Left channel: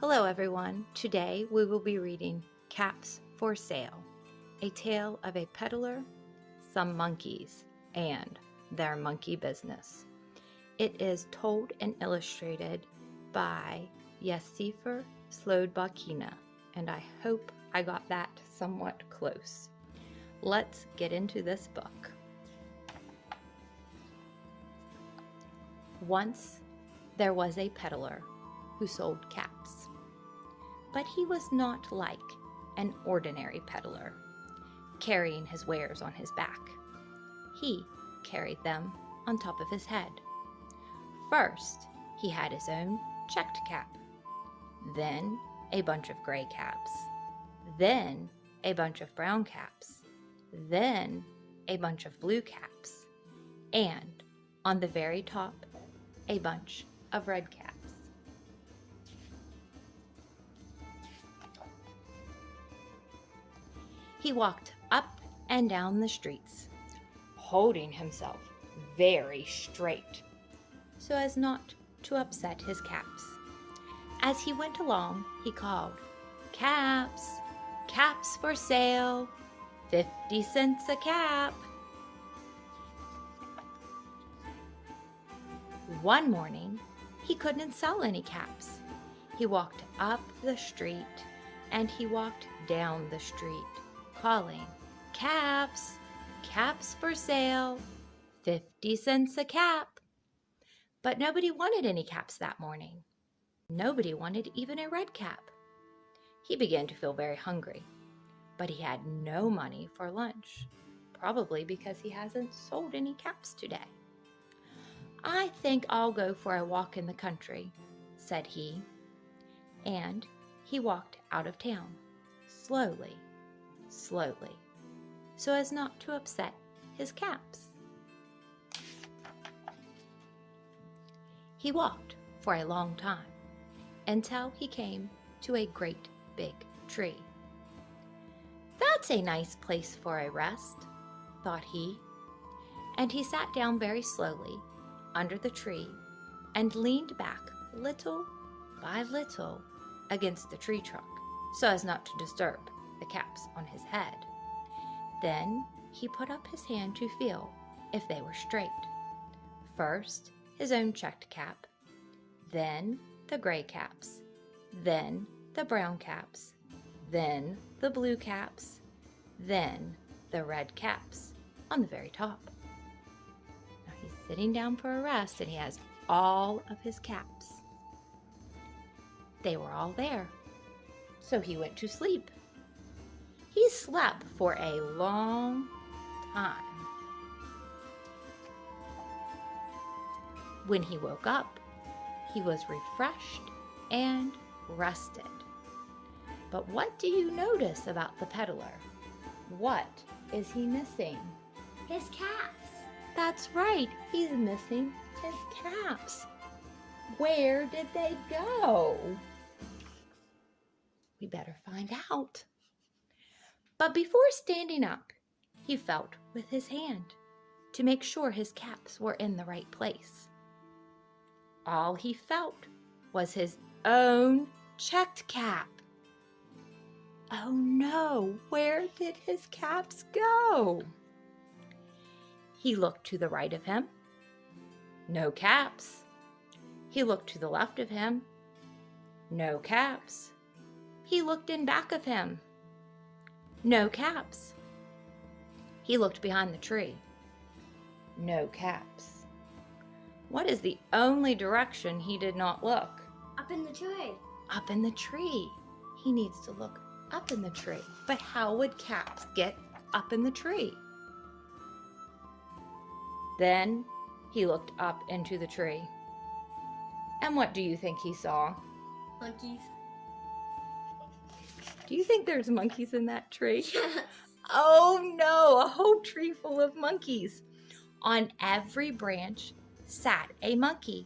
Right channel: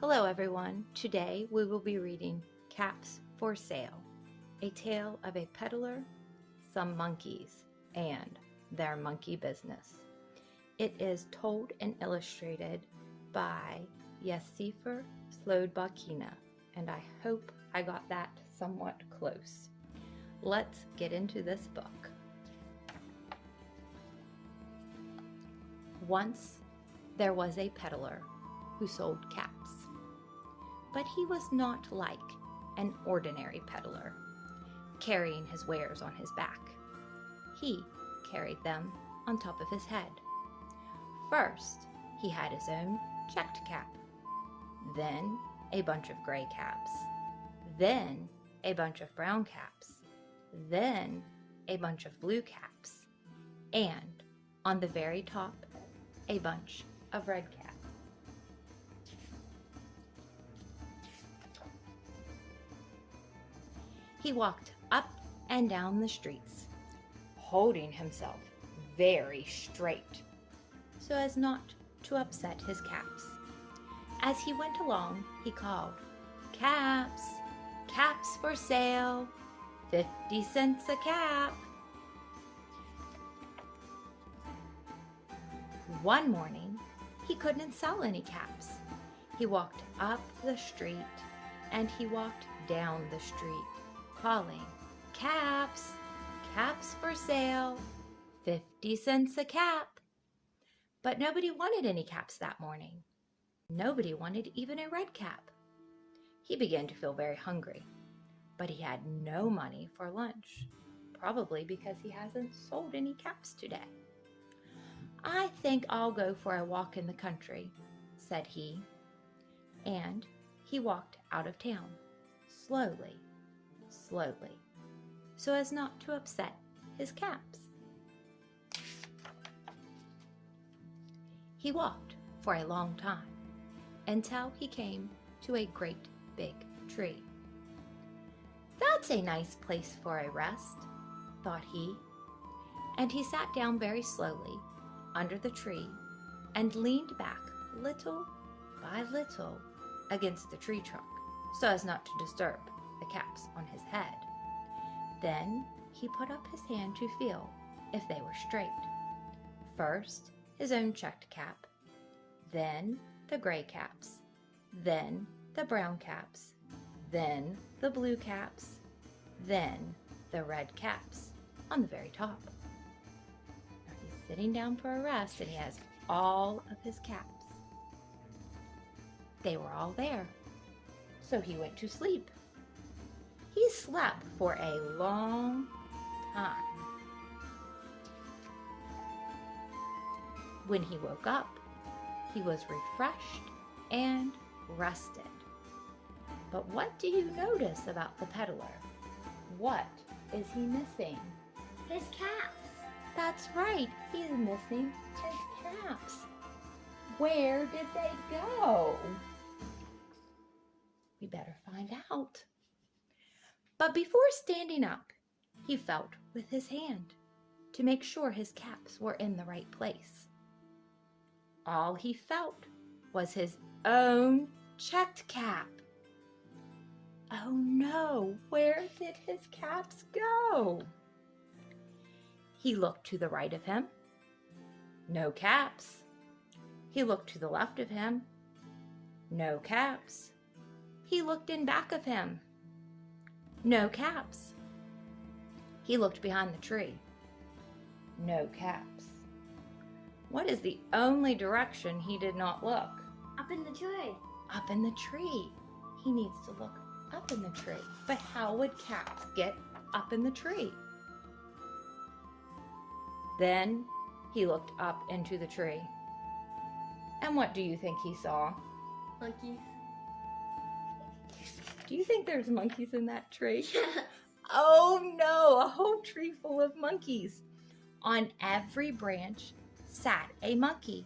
Hello everyone. Today we will be reading Caps for Sale, a tale of a peddler, some monkeys, and their monkey business. It is told and illustrated by Esphyr Slobodkina, and I hope I got that somewhat close. Let's get into this book. Once there was a peddler who sold caps. But he was not like an ordinary peddler, carrying his wares on his back. He carried them on top of his head. First, he had his own checked cap, then a bunch of gray caps, then a bunch of brown caps, then a bunch of blue caps, and on the very top, a bunch of red caps. He walked up and down the streets, holding himself very straight so as not to upset his caps. As he went along, he called, "Caps, caps for sale, 50 cents a cap." One morning, he couldn't sell any caps. He walked up the street and he walked down the street, calling, "Caps, caps for sale, 50 cents a cap." But nobody wanted any caps that morning. Nobody wanted even a red cap. He began to feel very hungry, but he had no money for lunch, probably because he hasn't sold any caps today. "I think I'll go for a walk in the country," said he, and he walked out of town, slowly, so as not to upset his caps. He walked for a long time until he came to a great big tree. "That's a nice place for a rest," thought he, and he sat down very slowly under the tree and leaned back little by little against the tree trunk so as not to disturb the caps on his head. Then he put up his hand to feel if they were straight. First, his own checked cap, then the gray caps, then the brown caps, then the blue caps, then the red caps on the very top. Now he's sitting down for a rest and he has all of his caps. They were all there, so he went to sleep. He slept for a long time. When he woke up, he was refreshed and rested. But what do you notice about the peddler? What is he missing? His caps. That's right, he's missing his caps. Where did they go? We better find out. But before standing up, he felt with his hand to make sure his caps were in the right place. All he felt was his own checked cap. Oh no, where did his caps go? He looked to the right of him. No caps. He looked to the left of him. No caps. He looked in back of him. No caps. He looked behind the tree. No caps. What is the only direction he did not look? Up in the tree. Up in the tree. He needs to look up in the tree. But how would caps get up in the tree? Then he looked up into the tree. And what do you think he saw? Monkeys. Do you think there's monkeys in that tree? Yes. Oh no, a whole tree full of monkeys. On every branch sat a monkey.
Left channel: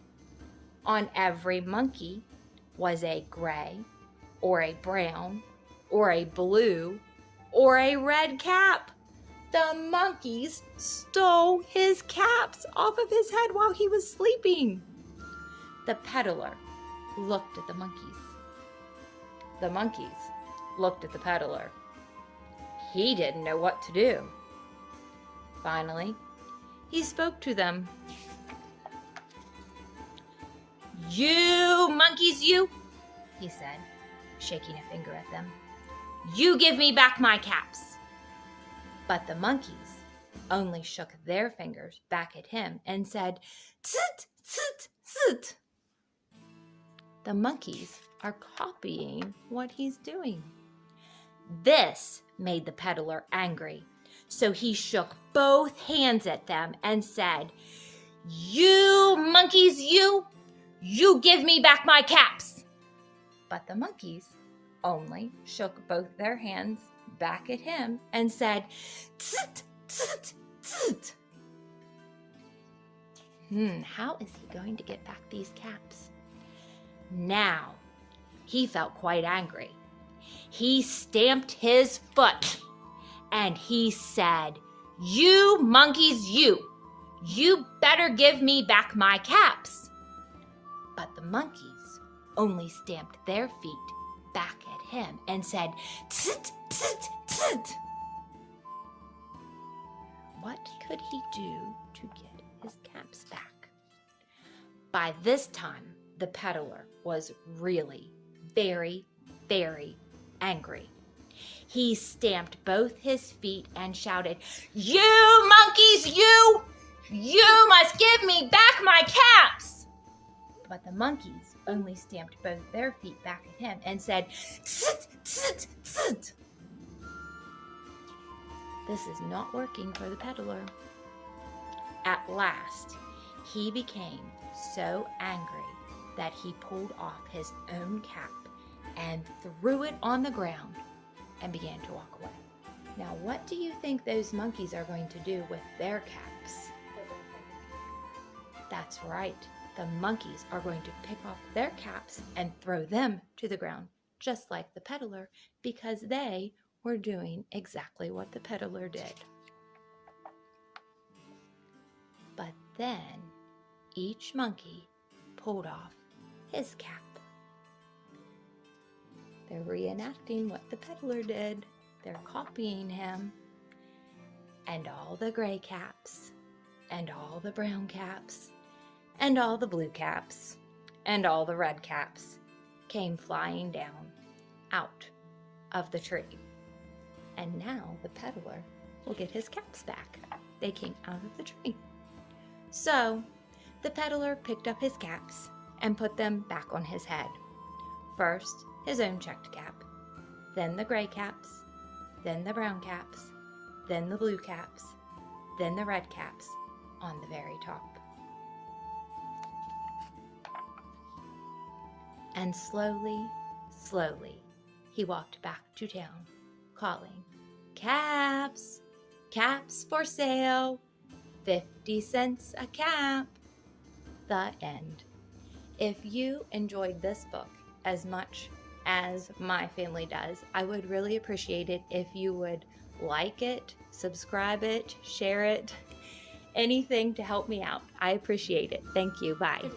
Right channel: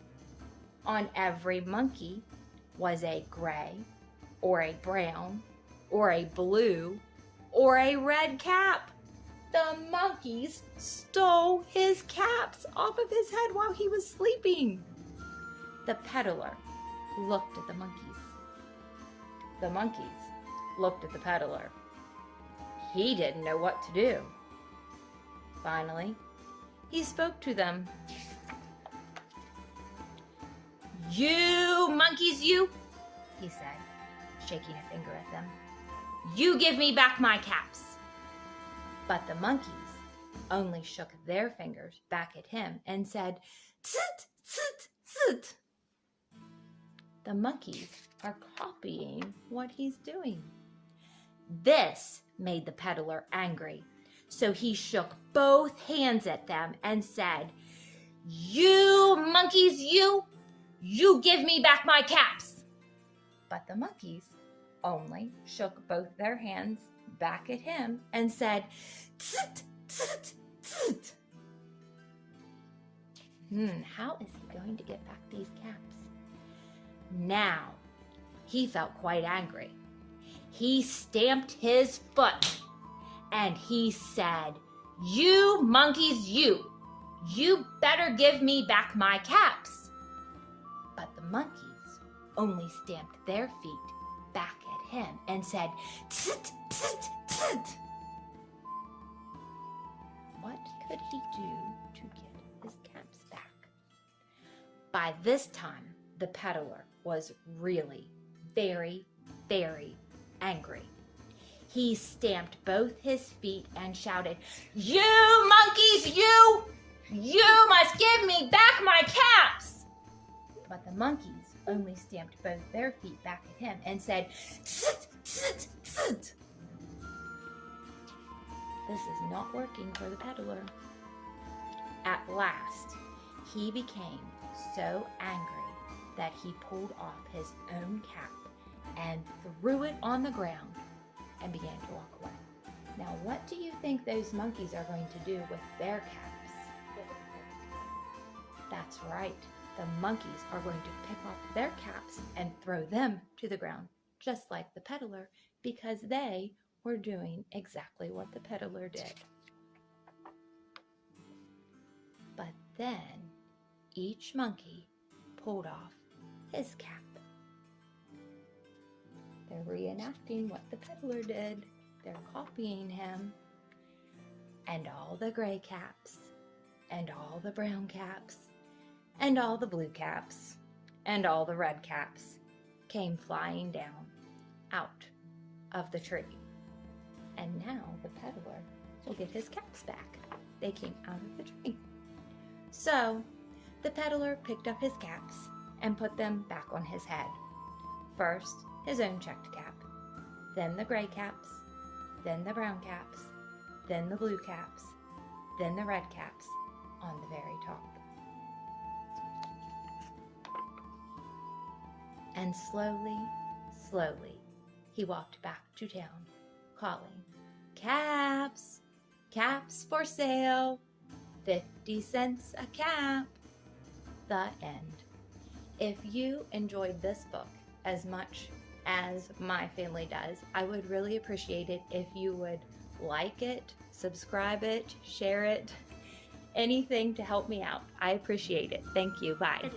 On every monkey was a gray, or a brown, or a blue, or a red cap. The monkeys stole his caps off of his head while he was sleeping. The peddler looked at the monkeys. the monkeys looked at the peddler. He didn't know what to do. Finally, he spoke to them. "You monkeys, you," he said, shaking a finger at them. "You give me back my caps." But the monkeys only shook their fingers back at him and said, "Tsit, tsit, tsit." The monkeys are copying what he's doing. This made the peddler angry, so he shook both hands at them and said, "You monkeys, you give me back my caps." But the monkeys only shook both their hands back at him and said, "Tsit, tsit, tsit." How is he going to get back these caps? Now, he felt quite angry. He stamped his foot and he said, "You monkeys, you better give me back my caps." But the monkeys only stamped their feet back at him and said, "Tsit, tsit, tsit." What could he do to get his caps back? By this time, the peddler was really very, very angry. He stamped both his feet and shouted, "You monkeys, you must give me back my caps." But the monkeys only stamped both their feet back at him and said, "Tsit, tsit, tsit." This is not working for the peddler. At last, he became so angry that he pulled off his own cap and threw it on the ground and began to walk away. Now, what do you think those monkeys are going to do with their caps? That's right. The monkeys are going to pick off their caps and throw them to the ground, just like the peddler, because they were doing exactly what the peddler did. But then each monkey pulled off his cap. They're reenacting what the peddler did. They're copying him. And all the gray caps, and all the brown caps, and all the blue caps, and all the red caps came flying down out of the tree. And now the peddler will get his caps back. They came out of the tree. So the peddler picked up his caps and put them back on his head. First, his own checked cap, then the gray caps, then the brown caps, then the blue caps, then the red caps on the very top. And slowly, slowly, he walked back to town, calling, "Caps, caps for sale, 50 cents a cap." The end. If you enjoyed this book as much as my family does, I would really appreciate it if you would like it, subscribe it, share it, anything to help me out. I appreciate it. Thank you. Bye.